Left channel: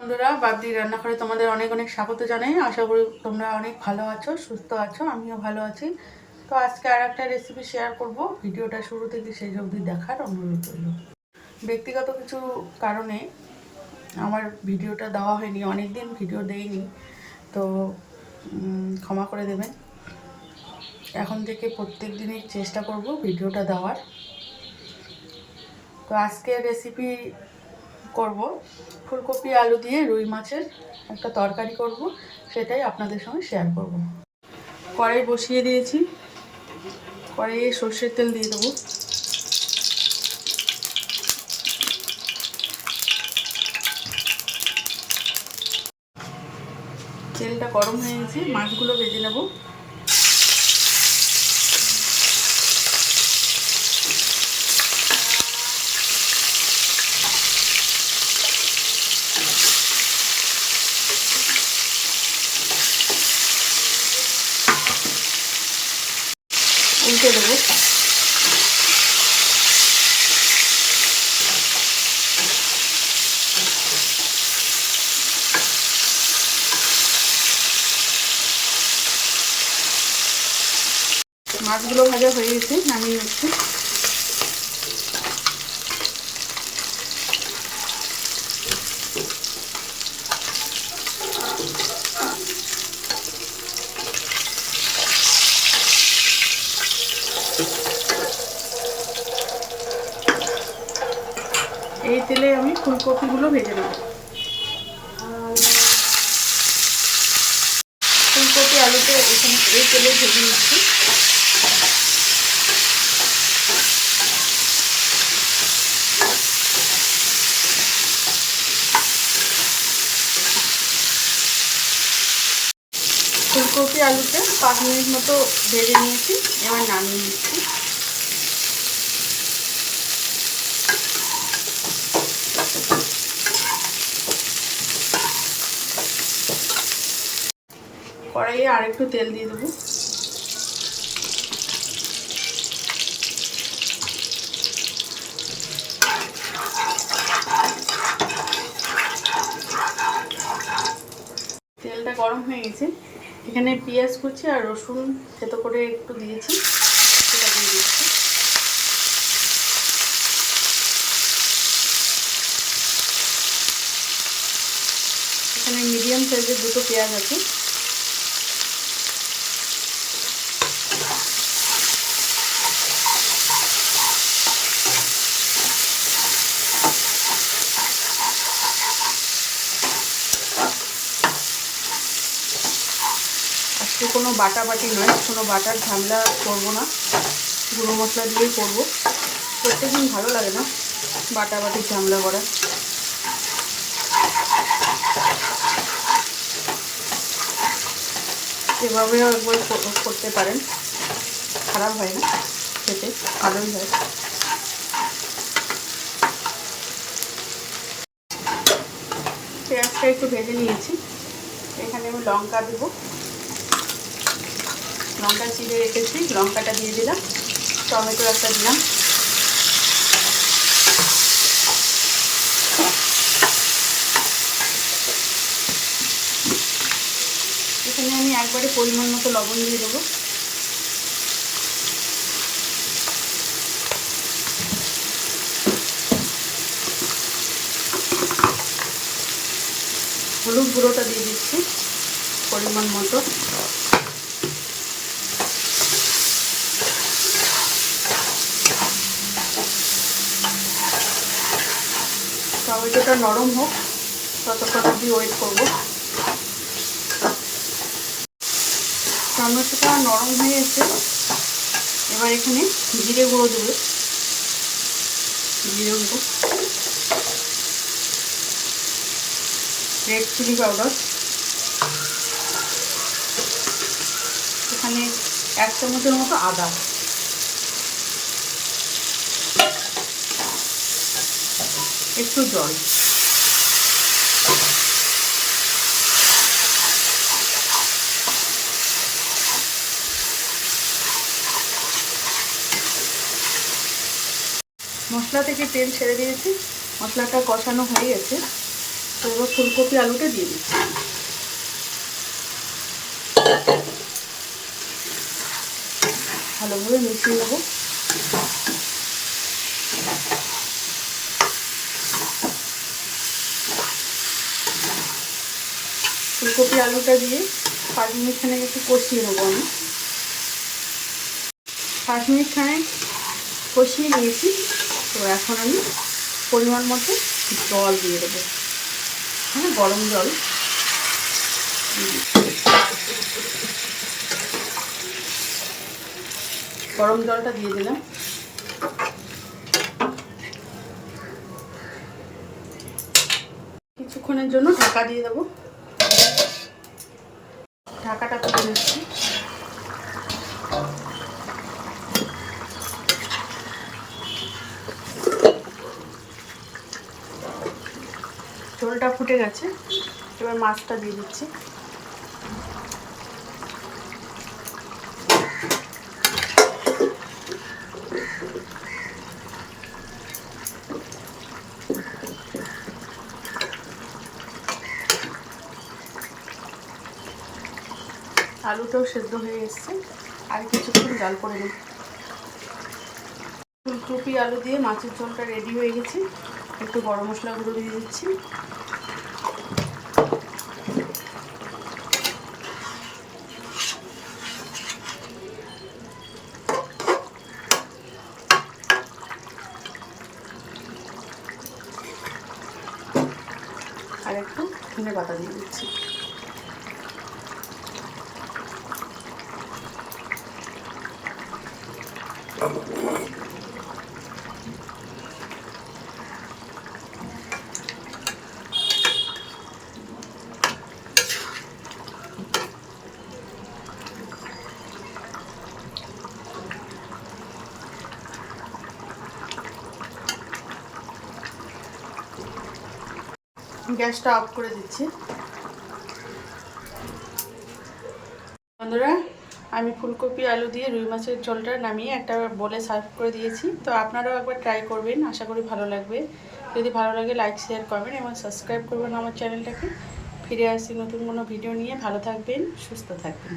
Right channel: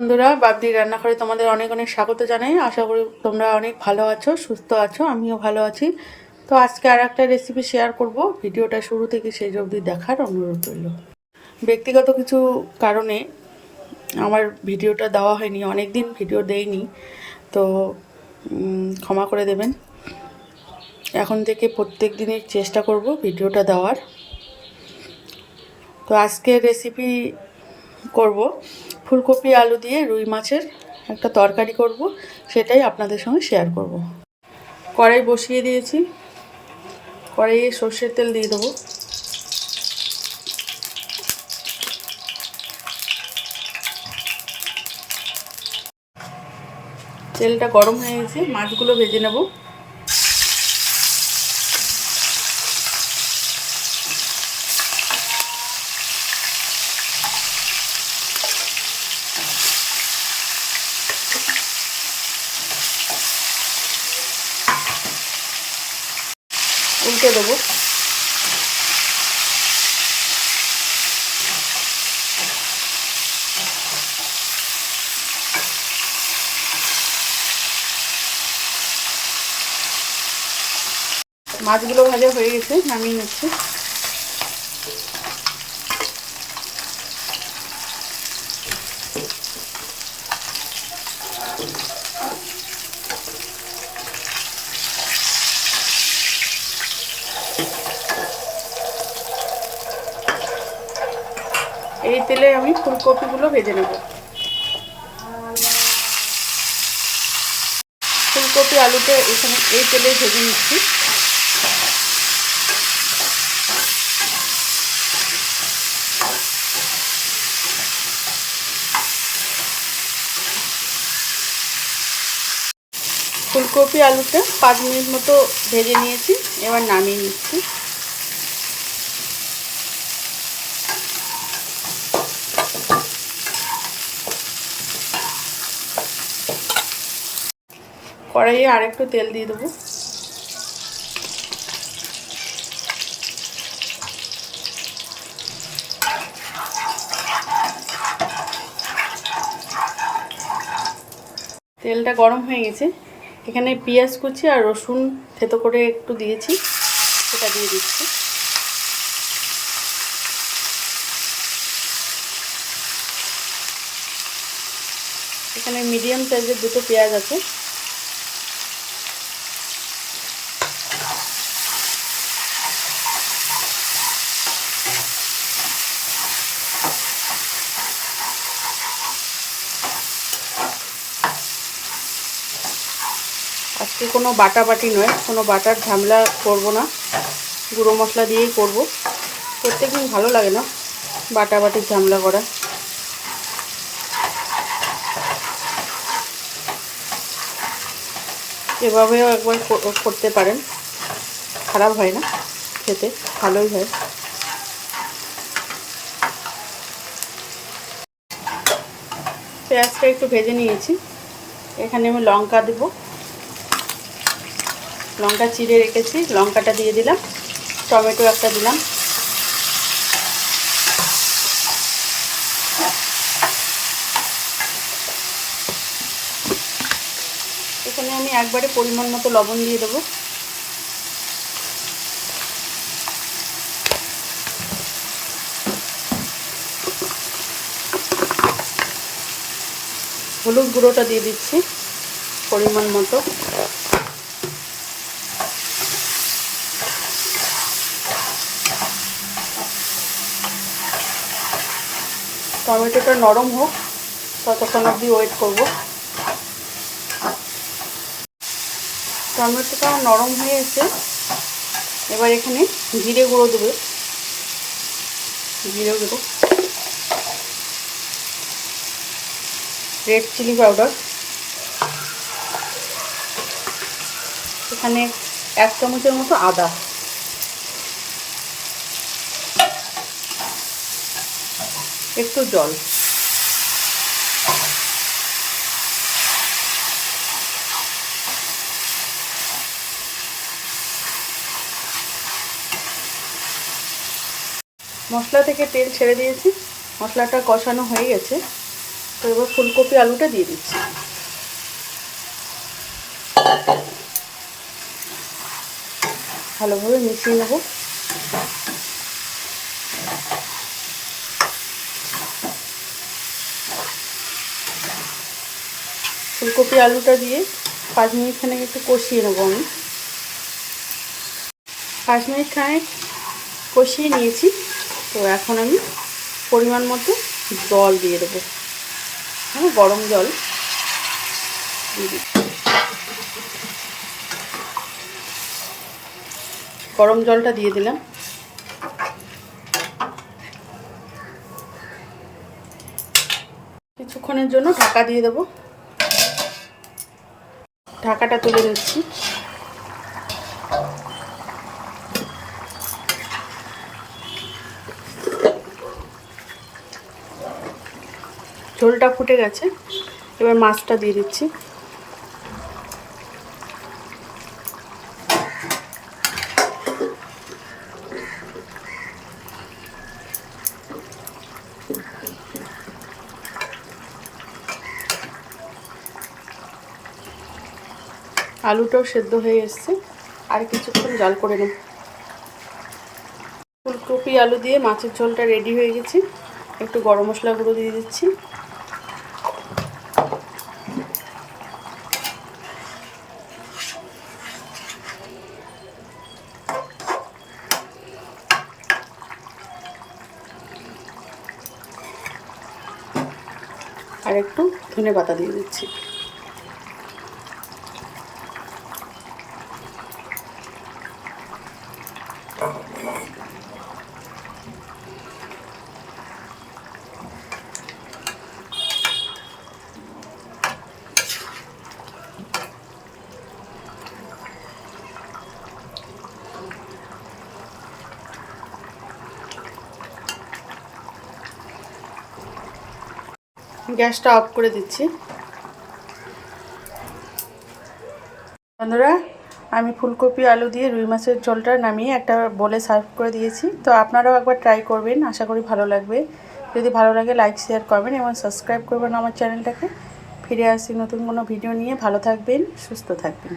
বন্ধুরা, বাবদির রান্নাঘরে তোমাদের অনেক অনেক স্বাগত জানাই। আশা করি তোমরা অনেক ভালো আছো, সুস্থ আছো। আমিও ভালো আছি। তো আজকে আর একটা রেসিপি শেয়ার করব। ভিডিওটা শুরু থেকে শেষ অবধি দেখার অনুরোধ রইল। ব্যক্তিগত কিছু কারণে আমার ভিডিওটা দেওয়া হয়নি, অনেক দিন ভিডিও দেইনি, তো ক্ষমা করে দেবেন। এখন থেকে প্রত্যেক দিনের চেষ্টা করব ভিডিওটা দেওয়ার। তো আজকে রেসিপি করব ফুলকপি আলু দিয়ে রুই মাছের একটা তরকারি করব, সেটাই আপনাদের সঙ্গে শেয়ার করব। কড়াই বসিয়ে দিয়েছি, কড়াইয়ে সর্ষের তেল দিয়ে দেবো। তেলটা গরম হয়ে গেছে, মাছগুলো ভেজে নেব। উল্টে দেবো। মাছগুলো ভাজা হয়ে গেছে, নামিয়ে নিচ্ছি। এই তেলে আমি ফুলকপিগুলো ভেজে নেব। ফুলকপি আলুতে এখানে এই তেলে ভেজে নিচ্ছি। ফুলকপি আলুতে 5 মিনিট মতো ভেজে নিয়েছি, এবার নামিয়ে নিচ্ছি। কড়াইয়ে আর একটু তেল দিয়ে দেবো। তেলটা গরম হয়ে গেছে, এখানে পেঁয়াজ কুচি আর রসুন থেতো করে একটু দিয়েছি, সেটা দিয়ে দিচ্ছি। এখানে মিডিয়াম সাইজের দুটো পেঁয়াজ আছে। আজকে কোনো বাটাবাটি নয়, কোনো বাটার ঝামেলা করব না, গুঁড়ো মশলা দিয়েই করব। প্রত্যেকদিন ভালো লাগে না বাটাবাটির ঝামেলা করা। এভাবেও একবার করতে পারেন, খারাপ হয় না, খেতে ভালোই হয়। পেঁয়াজটা একটু ভেজে নিয়েছি, এখানে আমি লঙ্কা দেবো। লঙ্কা চিড়ে রেখেছি, লঙ্কাটা দিয়ে দিলাম। টমেটো একটা দিলাম। এখানে আমি একবারে পরিমাণ মতো লবণ দিয়ে দেবো। হলুদ গুঁড়োটা দিয়ে দিচ্ছি পরিমাণ মতো। টমেটোটা নরম হোক, ততক্ষণ অবধি ওয়েট করবো। টমেটোটা নরম হয়ে এসে এবার এখানে জিরে গুঁড়ো দেবে, জিরে গুঁড়ো, রেড চিলি পাউডার, এখানে 1 চামচের মতো আদা, একটু জল। মশলা থেকে তেল ছেড়ে দিয়েছি, মশলাটা কষানো হয়ে গেছে। তো এবার ফুলকপি আলুটা দিয়ে দিচ্ছি। ভালোভাবে মিশিয়ে নেব। ফুলকপি আলুটা দিয়ে 5 মিনিট খানেক একটু কষিয়ে নেবো। আমি 5 মিনিট খানেক কষিয়ে নিয়েছি। তো এখন আমি পরিমাণ মতো জল দিয়ে দেবো, গরম জল। গরম জলটা দিয়ে দিলাম। কিছুক্ষণের জন্য ঢাকা দিয়ে দেবো। ঢাকাটা তুলে নিচ্ছি। ঝোলটা ফুটে গেছে, এবার মাছটা দিয়ে দিচ্ছি। আলুটাও সেদ্ধ হয়ে এসছে, আর কিছুক্ষণ জাল করে নেব। ফুলকপি আলু দিয়ে মাছের ঝোলটা রেডি হয়ে গেছে। একটু গরম মশলা গুঁড়ো দিয়ে দিচ্ছি। আর একটু ধনে পাতা দিয়ে দিচ্ছি। গ্যাসটা অফ করে দিচ্ছি। বন্ধুরা, আমি ফুলকপি আলু দিয়ে রুই মাছের ঝোলটা নামিয়ে একটা বলে সার্ভ করে দিয়েছি। তো আপনারাও একবার ট্রাই করবেন, আশা করি ভালো লাগবে। যদি ভালো লাগে লাইক শেয়ার করবেন এবং সাবস্ক্রাইব করবেন আমার চ্যানেলটাকে। ফিরে আসি নতুন কোনো ভিডিও নিয়ে। ভালো থাকবেন, সুস্থ থাকবেন।